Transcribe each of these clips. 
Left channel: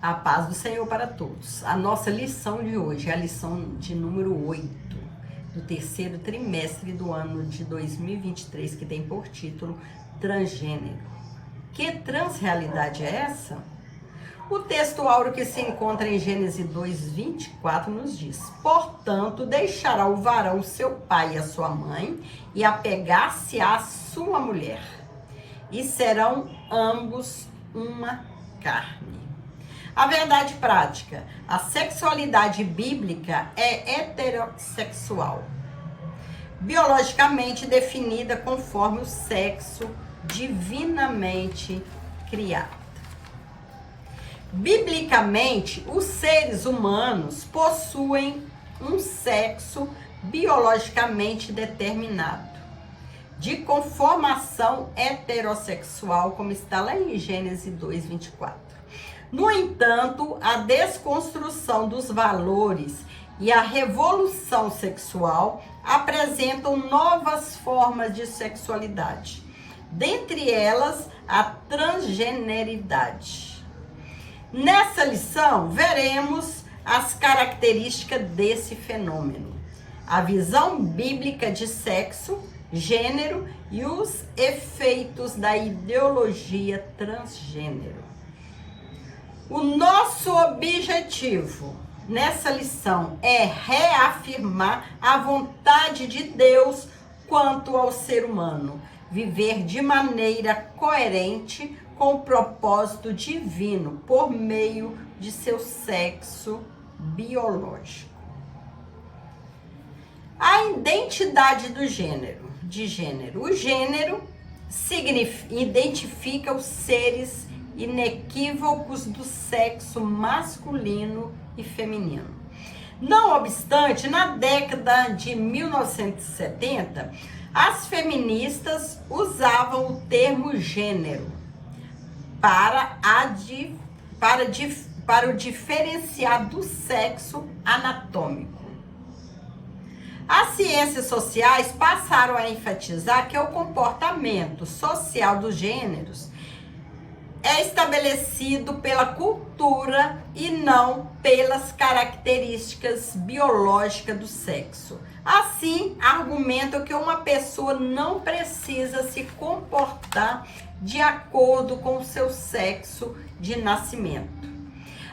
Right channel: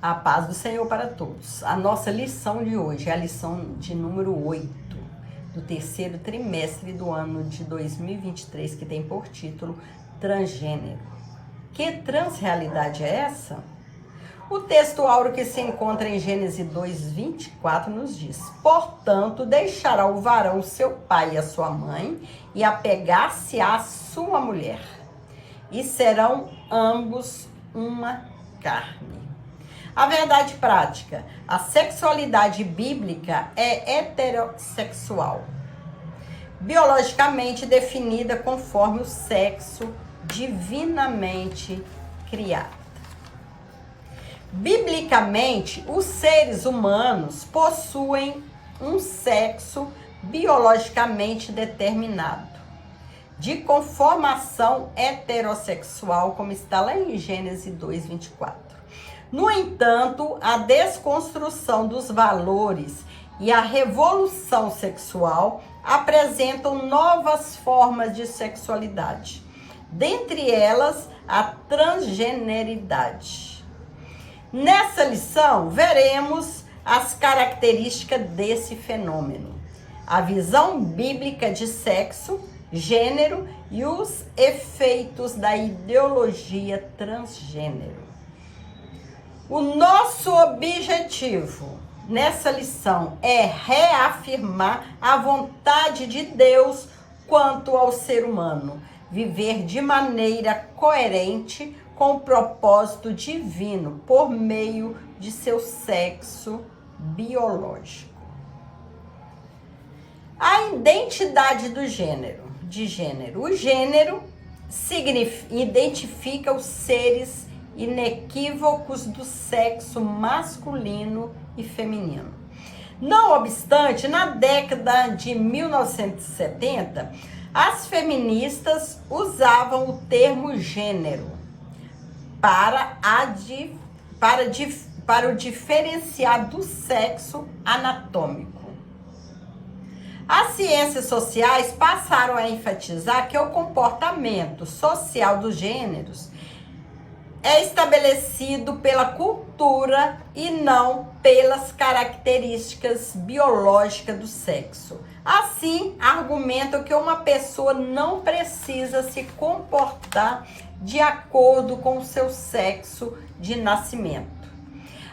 A paz do Senhor para todos. A nossa lição de hoje é a lição de número 8 do terceiro trimestre do ano de 2023, que tem por título Transgênero. Que transrealidade é essa? O texto áureo que se encontra em Gênesis 2:24 nos diz: portanto, deixará o varão seu pai e a sua mãe e apegar-se à sua mulher, e serão ambos uma carne. A verdade prática: a sexualidade bíblica é heterossexual, biologicamente definida conforme o sexo divinamente criado. Biblicamente, os seres humanos possuem um sexo biologicamente determinado, de conformação heterossexual, como está lá em Gênesis 2:24. No entanto, a desconstrução dos valores e a revolução sexual apresentam novas formas de sexualidade, dentre elas a transgeneridade. Nessa lição, veremos as características desse fenômeno, a visão bíblica de sexo, gênero e os efeitos da ideologia transgênero. O nosso objetivo nessa lição é reafirmar a vontade de Deus quanto ao ser humano, viver de maneira coerente com o propósito divino por meio de seu sexo biológico. A identidade do gênero. O gênero identifica os seres inequívocos do sexo masculino e feminino. Não obstante, na década de 1970, as feministas usavam o termo gênero para o diferenciar do sexo anatômico. As ciências sociais passaram a enfatizar que o comportamento social dos gêneros é estabelecido pela cultura e não pelas características biológicas do sexo. Assim, argumentam que uma pessoa não precisa se comportar de acordo com o seu sexo de nascimento.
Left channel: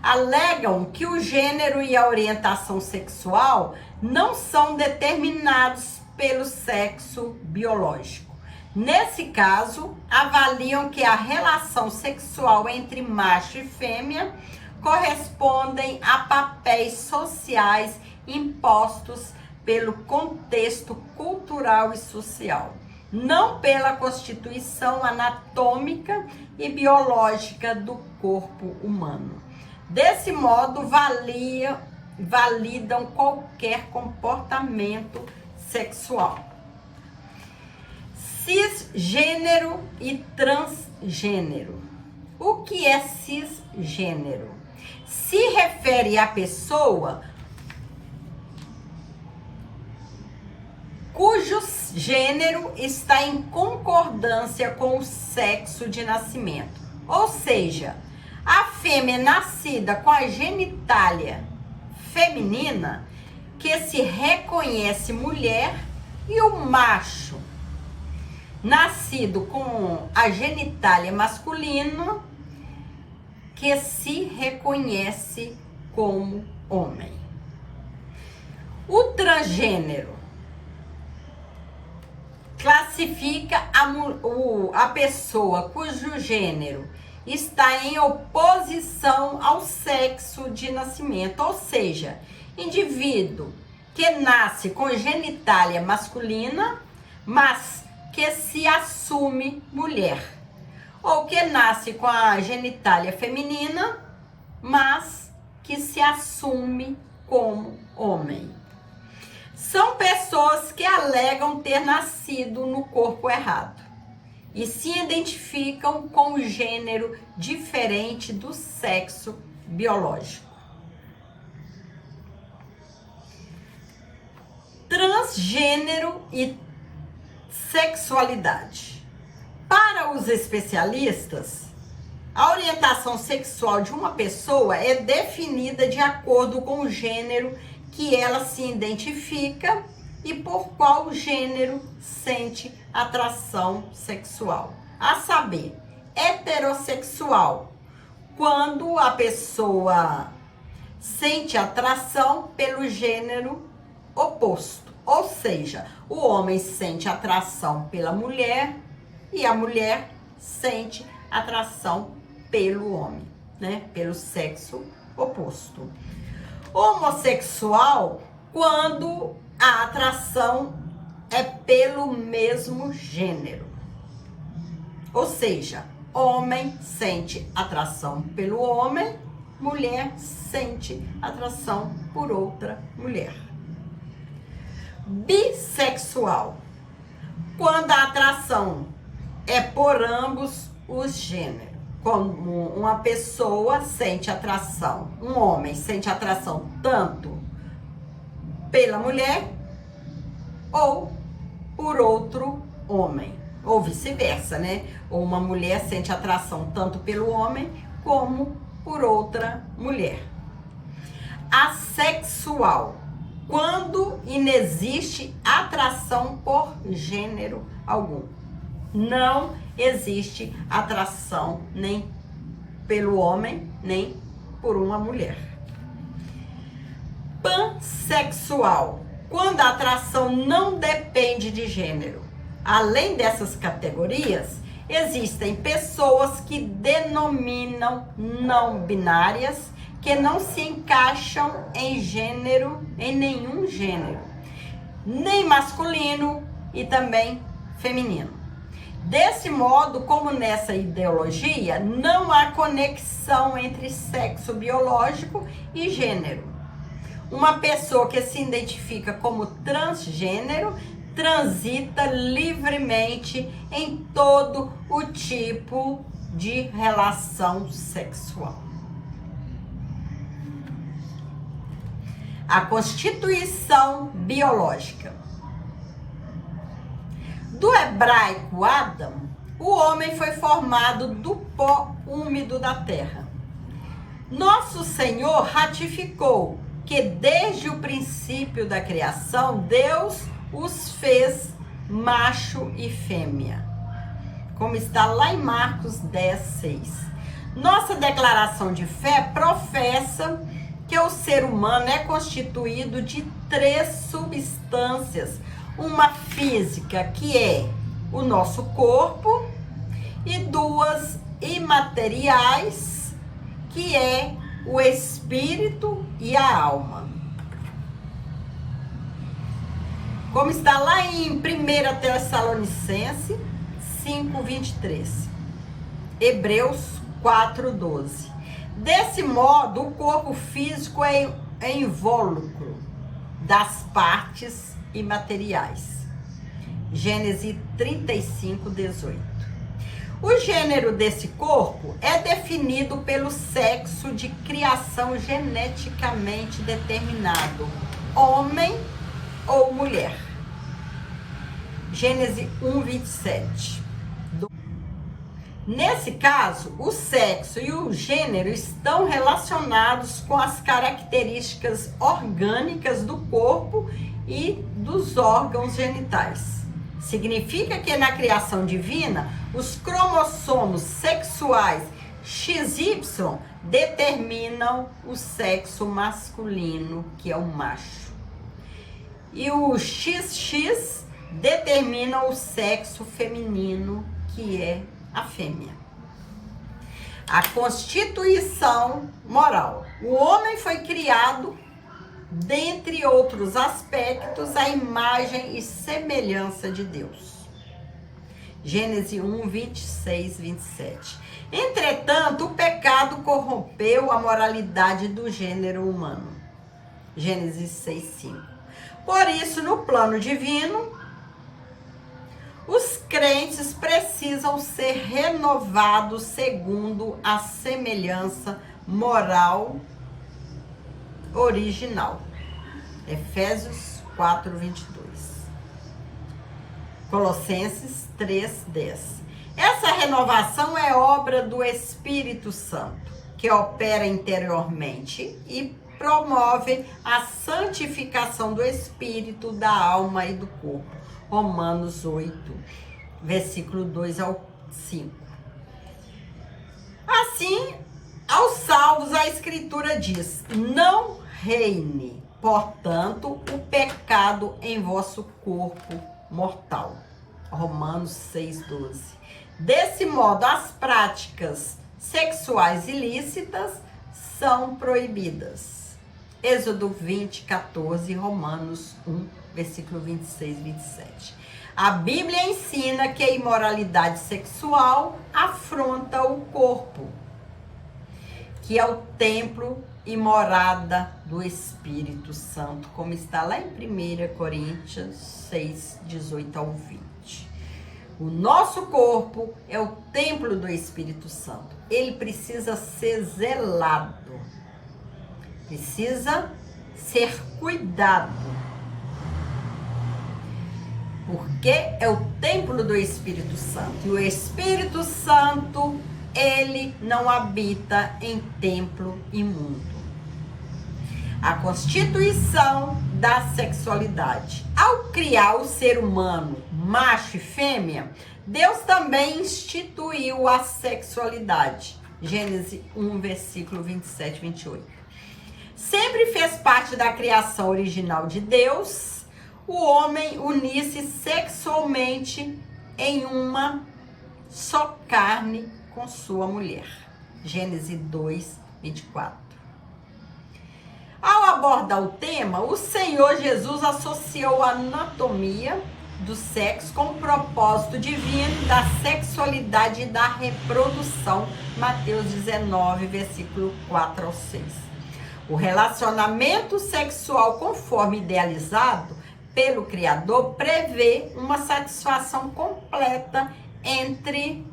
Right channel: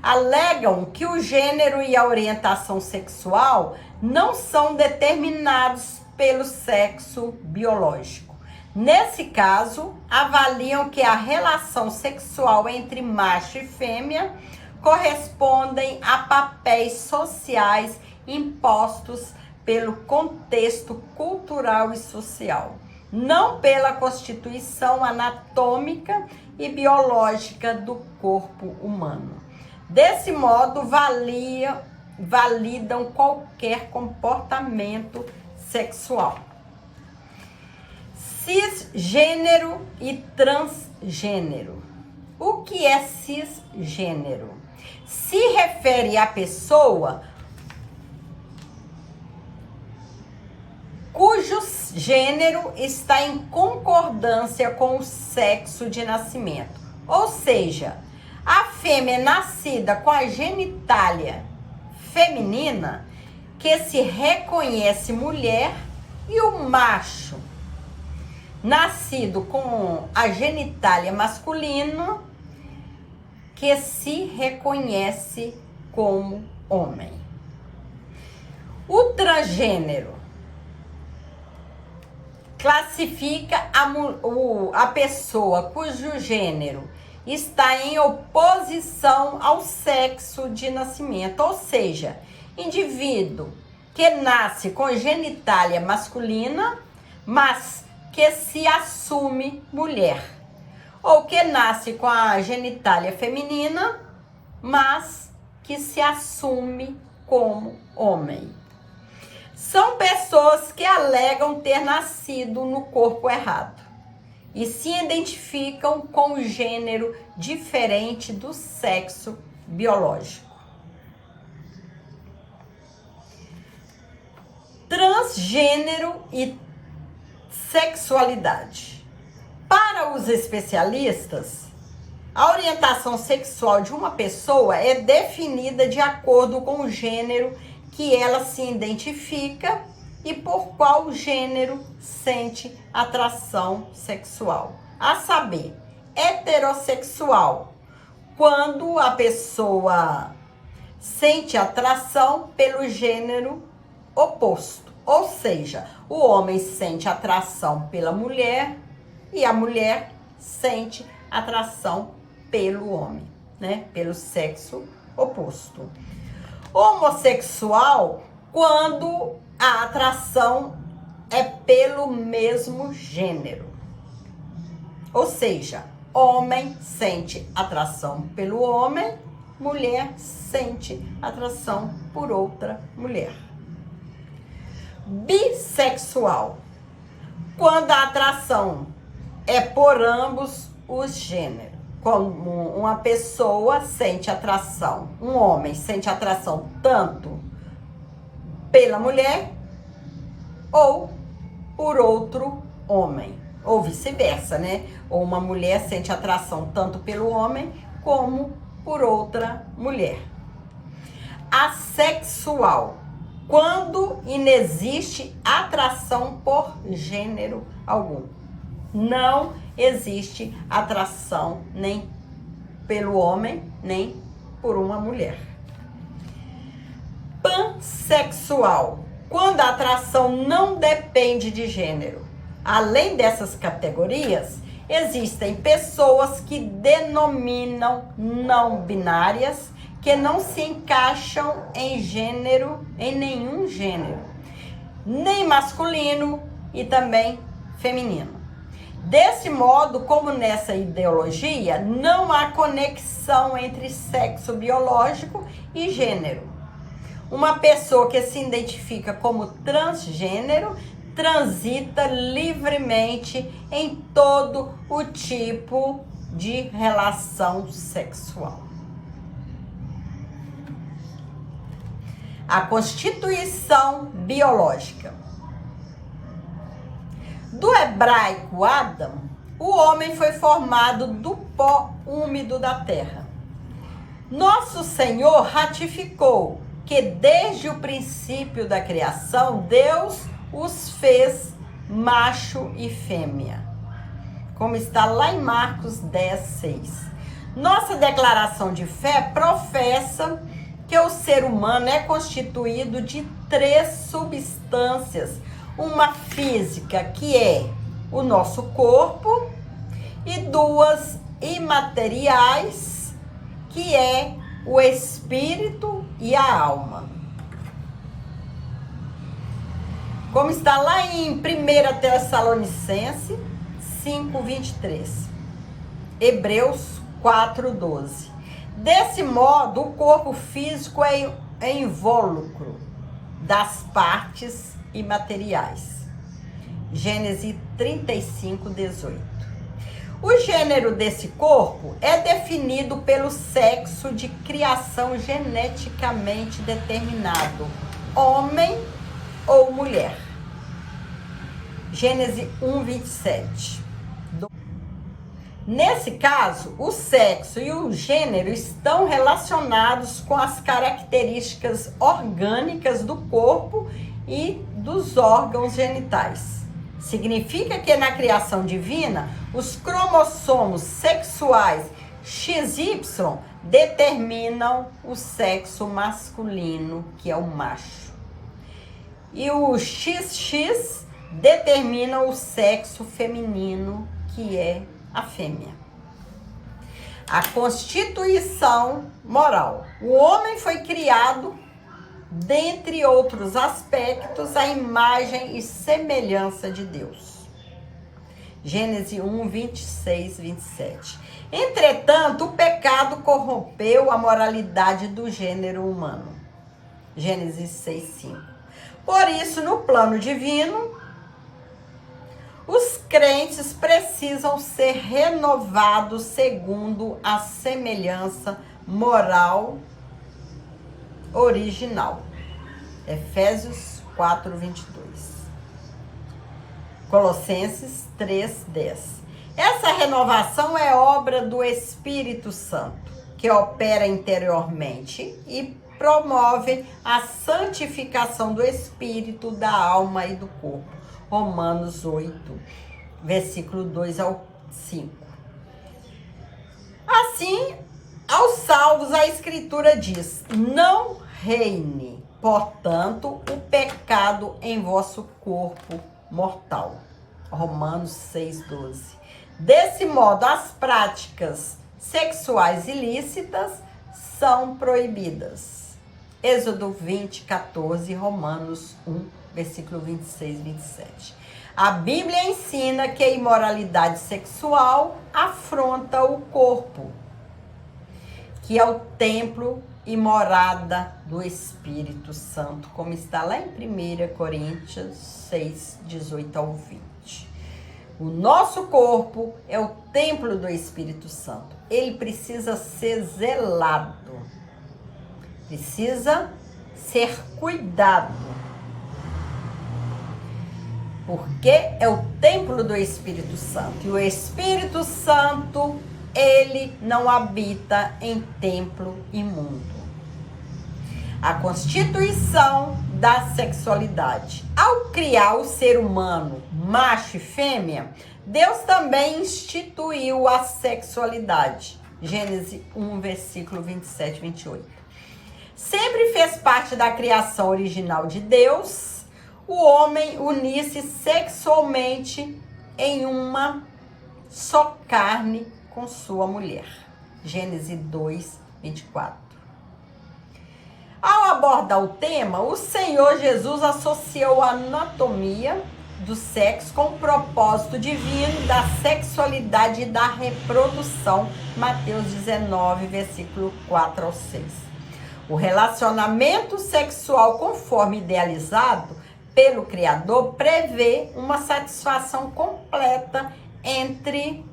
Alegam que o gênero e a orientação sexual não são determinados pelo sexo biológico. Nesse caso, avaliam que a relação sexual entre macho e fêmea correspondem a papéis sociais impostos pelo contexto cultural e social, não pela constituição anatômica e biológica do corpo humano. Desse modo, validam qualquer comportamento sexual. Cisgênero e transgênero. O que é cisgênero? Se refere à pessoa cujo gênero está em concordância com o sexo de nascimento. Ou seja, a fêmea nascida com a genitália feminina, que se reconhece mulher, e o macho nascido com a genitália masculina, que se reconhece como homem. O transgênero classifica a pessoa cujo gênero está em oposição ao sexo de nascimento, ou seja, indivíduo que nasce com genitália masculina, mas que se assume mulher, ou que nasce com a genitália feminina, mas que se assume como homem. São pessoas que alegam ter nascido no corpo errado e se identificam com o gênero diferente do sexo biológico. Transgênero e sexualidade. Para os especialistas, A orientação sexual de uma pessoa é definida de acordo com o gênero que ela se identifica e por qual gênero sente atração sexual. A saber, heterossexual, quando a pessoa sente atração pelo gênero oposto, ou seja, o homem sente atração pela mulher e a mulher sente atração pelo homem, né? Pelo sexo oposto. Homossexual, quando a atração é pelo mesmo gênero. Ou seja, homem sente atração pelo homem, mulher sente atração por outra mulher. Bissexual, quando a atração é por ambos os gêneros. Quando uma pessoa sente atração, um homem sente atração tanto pela mulher ou por outro homem, ou vice-versa, né? Ou uma mulher sente atração tanto pelo homem como por outra mulher. Assexual, quando inexiste atração por gênero algum. Não existe atração nem pelo homem, nem por uma mulher. Pansexual, quando a atração não depende de gênero. Além dessas categorias, existem pessoas que denominam não binárias, que não se encaixam em gênero, em nenhum gênero, nem masculino e também feminino. Desse modo, como nessa ideologia, não há conexão entre sexo biológico e gênero. Uma pessoa que se identifica como transgênero transita livremente em todo o tipo de relação sexual. A constituição biológica. Do hebraico Adam, o homem foi formado do pó úmido da terra. Nosso Senhor ratificou que desde o princípio da criação, Deus os fez macho e fêmea, como está lá em Marcos 10:6. Nossa declaração de fé professa que o ser humano é constituído de 3 substâncias, uma física, que é o nosso corpo, e 2 imateriais, que é o espírito e a alma. Como está lá em 1 Tessalonicenses 5:23, Hebreus 4:12. Desse modo, o corpo físico é invólucro das partes imateriais. Gênesis 35:18. O gênero desse corpo é definido pelo sexo de criação geneticamente determinado, homem ou mulher. Gênesis 1:27. Nesse caso, o sexo e o gênero estão relacionados com as características orgânicas do corpo e dos órgãos genitais. Significa que na criação divina, os cromossomos sexuais XY determinam o sexo masculino, que é o macho, e o XX determina o sexo feminino, que é a fêmea. A constituição moral. O homem foi criado, dentre outros aspectos, à imagem e semelhança de Deus. Gênesis 1:26-27. Entretanto, o pecado corrompeu a moralidade do gênero humano. Gênesis 6:5. Por isso, no plano divino, os crentes precisam ser renovados segundo a semelhança moral original. Efésios 4:22. Colossenses 3:10. Essa renovação é obra do Espírito Santo, que opera interiormente e promove a santificação do espírito, da alma e do corpo. Romanos 8, versículo 2 ao 5. Assim, aos salvos, a Escritura diz: não reine, portanto, o pecado em vosso corpo mortal. Romanos 6,12. Desse modo, as práticas sexuais ilícitas são proibidas. Êxodo 20, 14, Romanos 1, versículo 26 e 27. A Bíblia ensina que a imoralidade sexual afronta o corpo, que é o templo e morada do Espírito Santo, como está lá em 1 Coríntios 6, 18 ao 20. O nosso corpo é o templo do Espírito Santo. Ele precisa ser zelado, precisa ser cuidado, porque é o templo do Espírito Santo. E o Espírito Santo, ele não habita em templo imundo. A constituição da sexualidade. Ao criar o ser humano, macho e fêmea, Deus também instituiu a sexualidade. Gênesis 1, versículo 27 e 28. Sempre fez parte da criação original de Deus o homem unir-se sexualmente em uma só carne com sua mulher. Gênesis 2, 24. Ao abordar o tema, o Senhor Jesus associou a anatomia do sexo com o propósito divino da sexualidade e da reprodução. Mateus 19, versículo 4 ao 6. O relacionamento sexual, conforme idealizado pelo Criador, prevê uma satisfação completa entre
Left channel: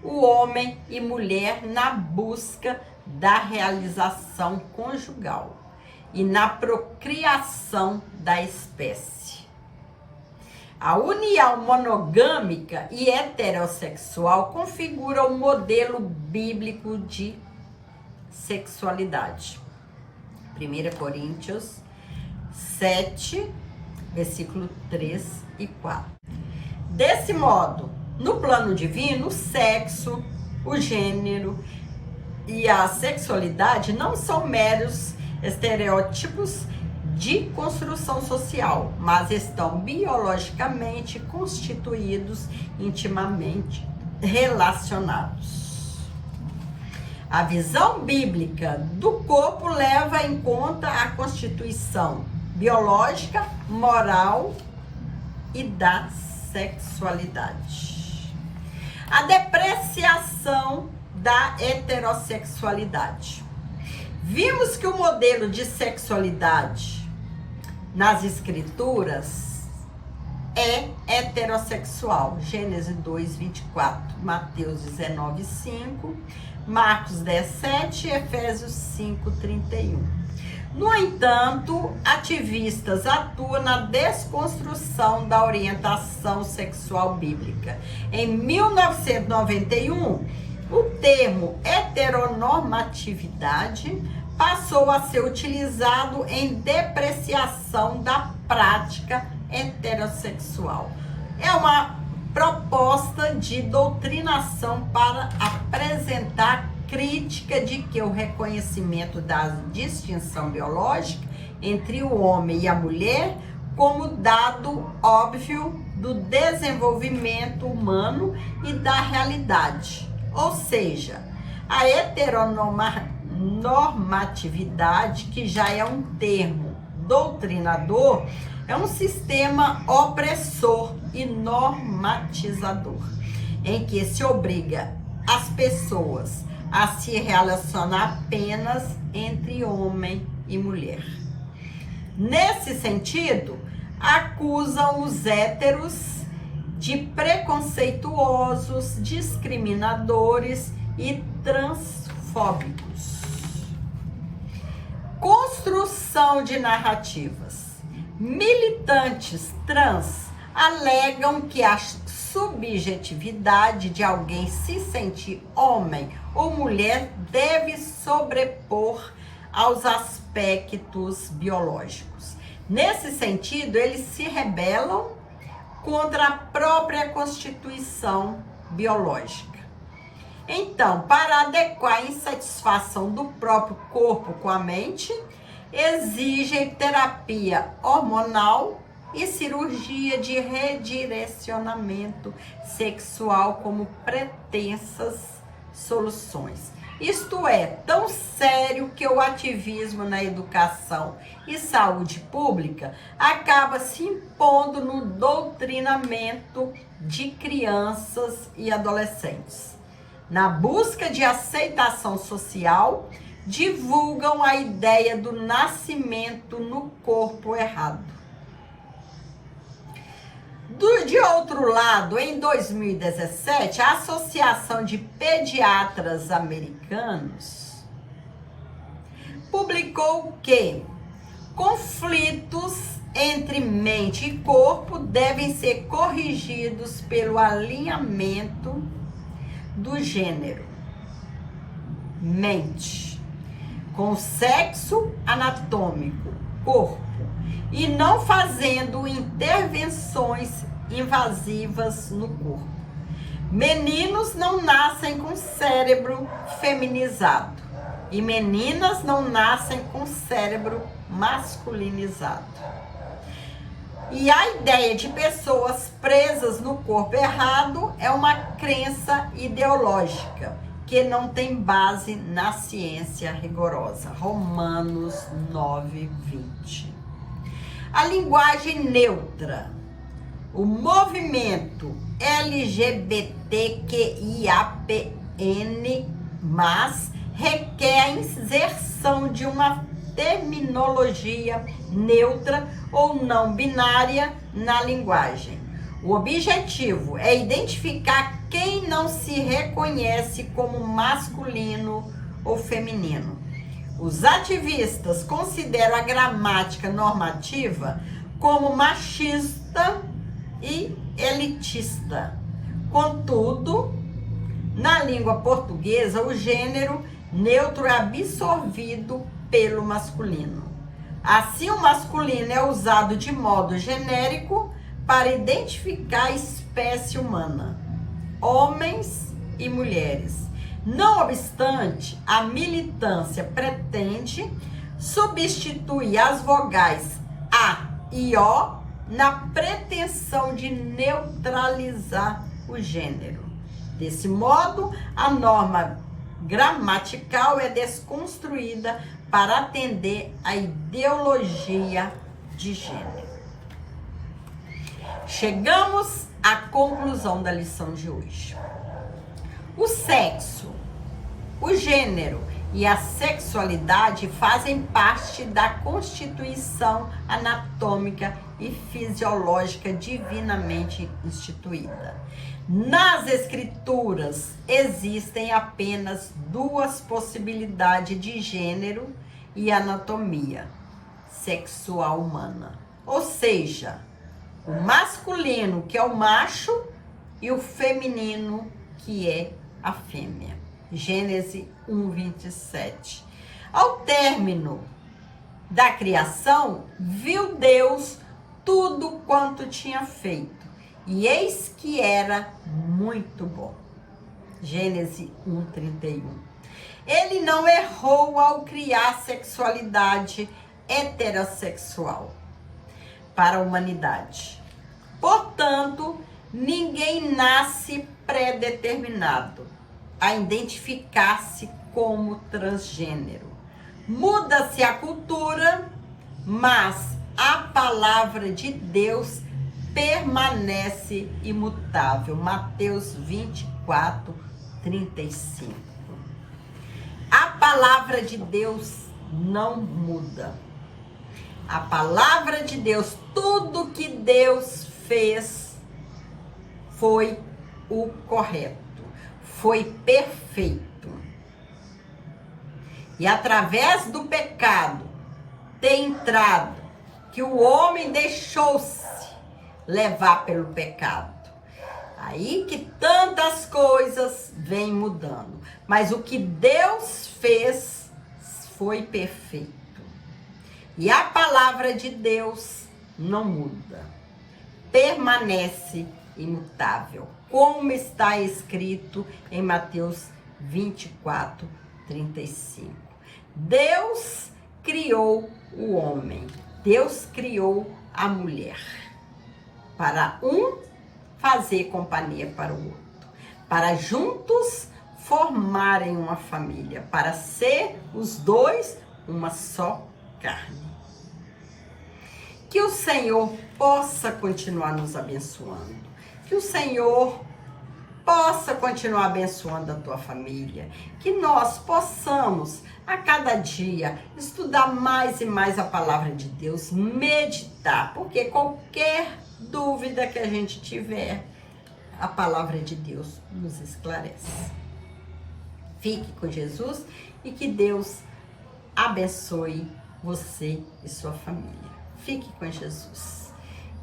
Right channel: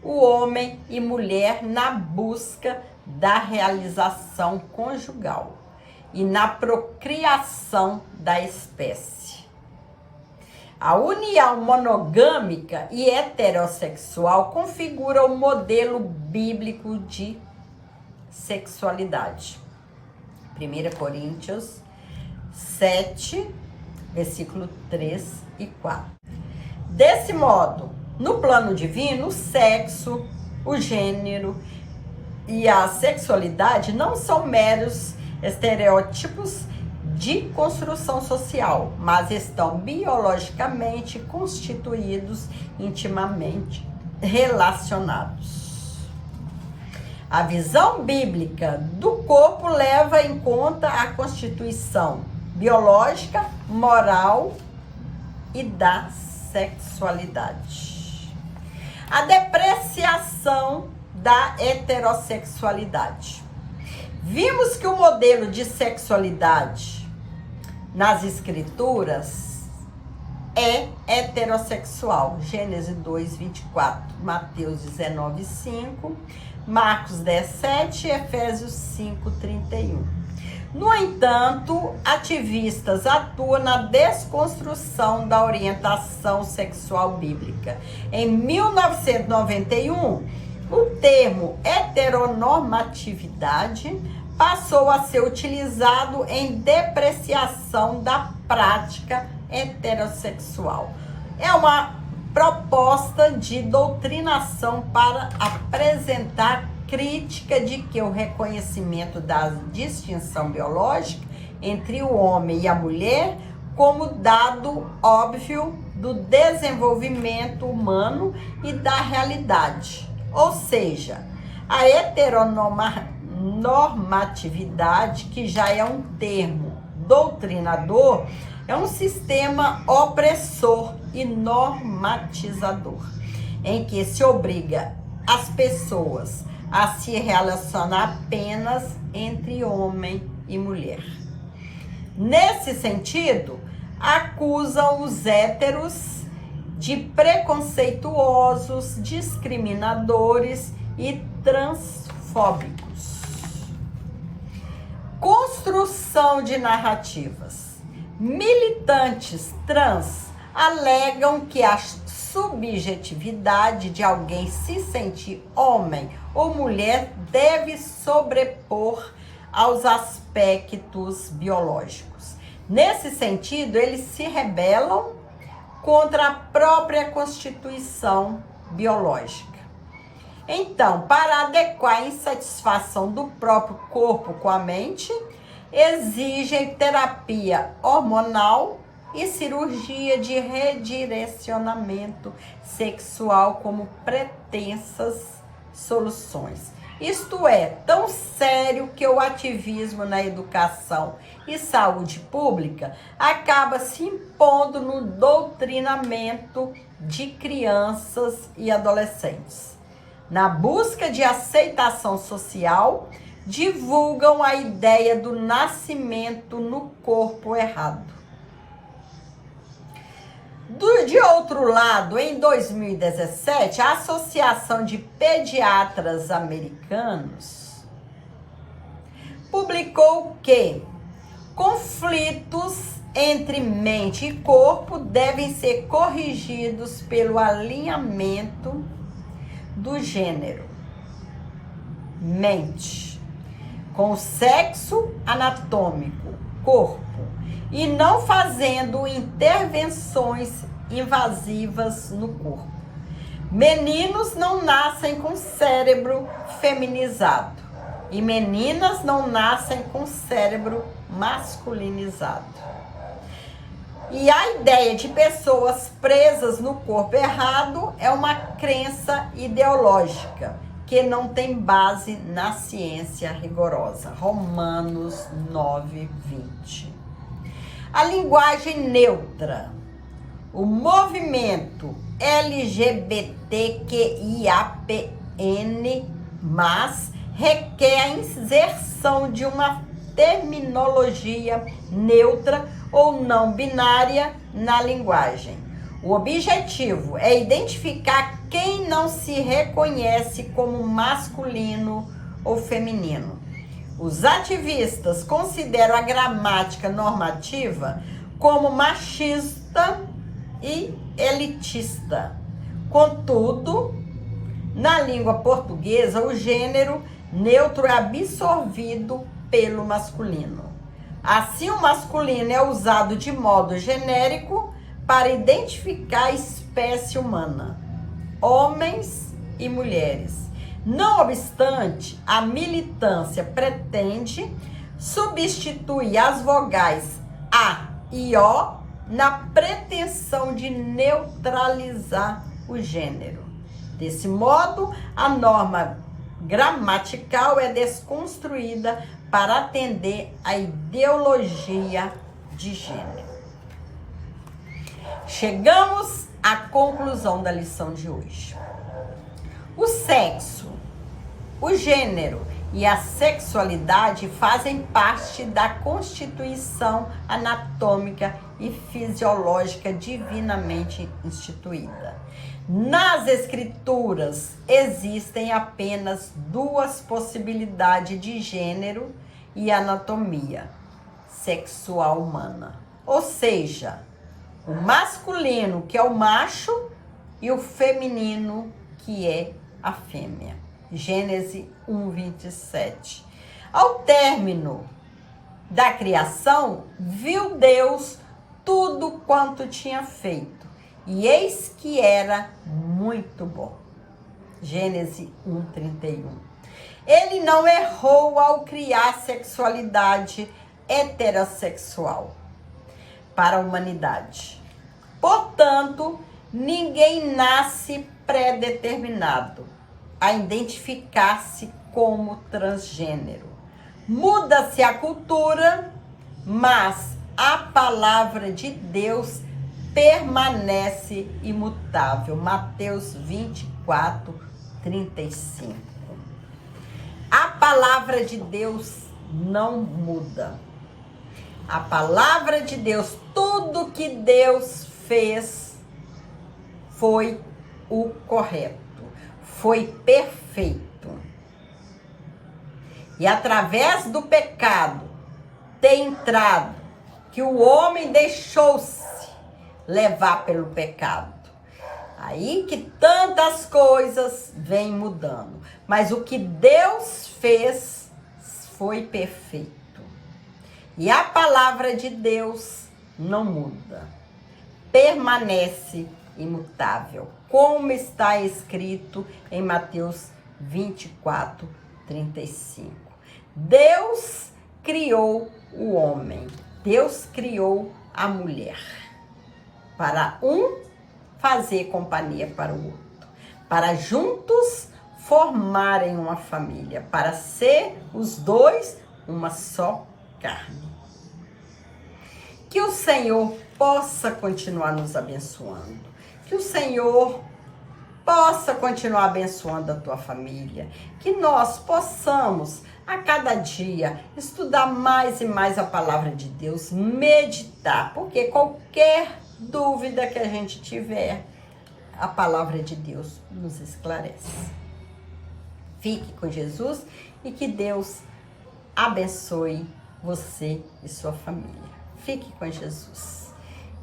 o homem e mulher na busca da realização conjugal e na procriação da espécie. A união monogâmica e heterossexual configura o modelo bíblico de sexualidade. 1 Coríntios 7, versículo 3 e 4. Desse modo, no plano divino, o sexo, o gênero e a sexualidade não são meros estereótipos de construção social, mas estão biologicamente constituídos, intimamente relacionados. A visão bíblica do corpo leva em conta a constituição biológica, moral e da sexualidade. A depreciação da heterossexualidade. Vimos que o modelo de sexualidade nas escrituras é heterossexual. Gênesis 2, 24, Mateus 19, 5, Marcos 10, 7, Efésios 5, 31. No entanto, ativistas atuam na desconstrução da orientação sexual bíblica. Em 1991, o termo heteronormatividade passou a ser utilizado em depreciação da prática heterossexual. É uma proposta de doutrinação para apresentar crítica de que o reconhecimento da distinção biológica entre o homem e a mulher como dado óbvio do desenvolvimento humano e da realidade. Ou seja, a heteronormatividade, que já é um termo doutrinador, é um sistema opressor e normatizador, em que se obriga as pessoas a se relacionar apenas entre homem e mulher. Nesse sentido, acusam os héteros de preconceituosos, discriminadores e transfóbicos. Construção de narrativas. Militantes trans alegam que a subjetividade de alguém se sentir homem ou mulher deve sobrepor aos aspectos biológicos. Nesse sentido, eles se rebelam contra a própria constituição biológica. Então, para adequar a insatisfação do próprio corpo com a mente, exigem terapia hormonal e cirurgia de redirecionamento sexual como pretensas soluções. Isto é tão sério que o ativismo na educação e saúde pública acaba se impondo no doutrinamento de crianças e adolescentes. Na busca de aceitação social, divulgam a ideia do nascimento no corpo errado. De outro lado, em 2017, a Associação de Pediatras Americanos publicou que conflitos entre mente e corpo devem ser corrigidos pelo alinhamento do gênero, mente, com o sexo anatômico, corpo, e não fazendo intervenções invasivas no corpo. Meninos não nascem com cérebro feminizado e meninas não nascem com cérebro masculinizado. E a ideia de pessoas presas no corpo errado é uma crença ideológica que não tem base na ciência rigorosa. Romanos 9:20. A linguagem neutra. O movimento LGBTQIAPN+, requer a inserção de uma terminologia neutra ou não binária na linguagem. O objetivo é identificar quem não se reconhece como masculino ou feminino. Os ativistas consideram a gramática normativa como machista e elitista. Contudo, na língua portuguesa, o gênero neutro é absorvido pelo masculino. Assim, o masculino é usado de modo genérico para identificar a espécie humana, homens e mulheres. Não obstante, a militância pretende substituir as vogais A e O na pretensão de neutralizar o gênero. Desse modo, a norma gramatical é desconstruída para atender à ideologia de gênero. Chegamos à conclusão da lição de hoje. O sexo, o gênero e a sexualidade fazem parte da constituição anatômica e fisiológica divinamente instituída. Nas escrituras existem apenas duas possibilidades de gênero e anatomia sexual humana. Ou seja, o masculino, que é o macho, e o feminino, que é a fêmea. Gênesis 1:27. Ao término da criação, viu Deus tudo quanto tinha feito, e eis que era muito bom. Gênesis 1:31. Ele não errou ao criar sexualidade heterossexual para a humanidade. Portanto, ninguém nasce predeterminado a identificar-se como transgênero. Muda-se a cultura, mas a palavra de Deus permanece imutável. Mateus 24:35. A palavra de Deus não muda. A palavra de Deus, tudo que Deus fez foi o correto, foi perfeito. E através do pecado tem entrado que o homem deixou-se levar pelo pecado. Aí que tantas coisas vêm mudando. Mas o que Deus fez foi perfeito. E a palavra de Deus não muda. Permanece imutável. Como está escrito em Mateus 24:35. Deus criou o homem. Deus criou a mulher. Para um fazer companhia para o outro, para juntos formarem uma família, para ser os dois uma só carne. Que o Senhor possa continuar nos abençoando, que o Senhor possa continuar abençoando a tua família, que nós possamos a cada dia estudar mais e mais a palavra de Deus, meditar, porque qualquer dúvida que a gente tiver, a palavra de Deus nos esclarece. Fique com Jesus e que Deus abençoe você e sua família. Fique com Jesus.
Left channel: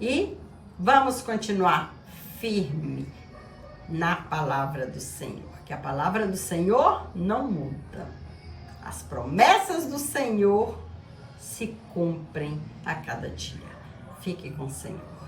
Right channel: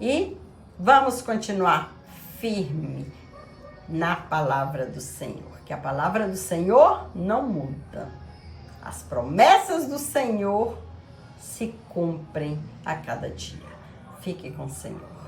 E vamos continuar firme na palavra do Senhor, que a palavra do Senhor não muda. As promessas do Senhor se cumprem a cada dia. Fique com o Senhor.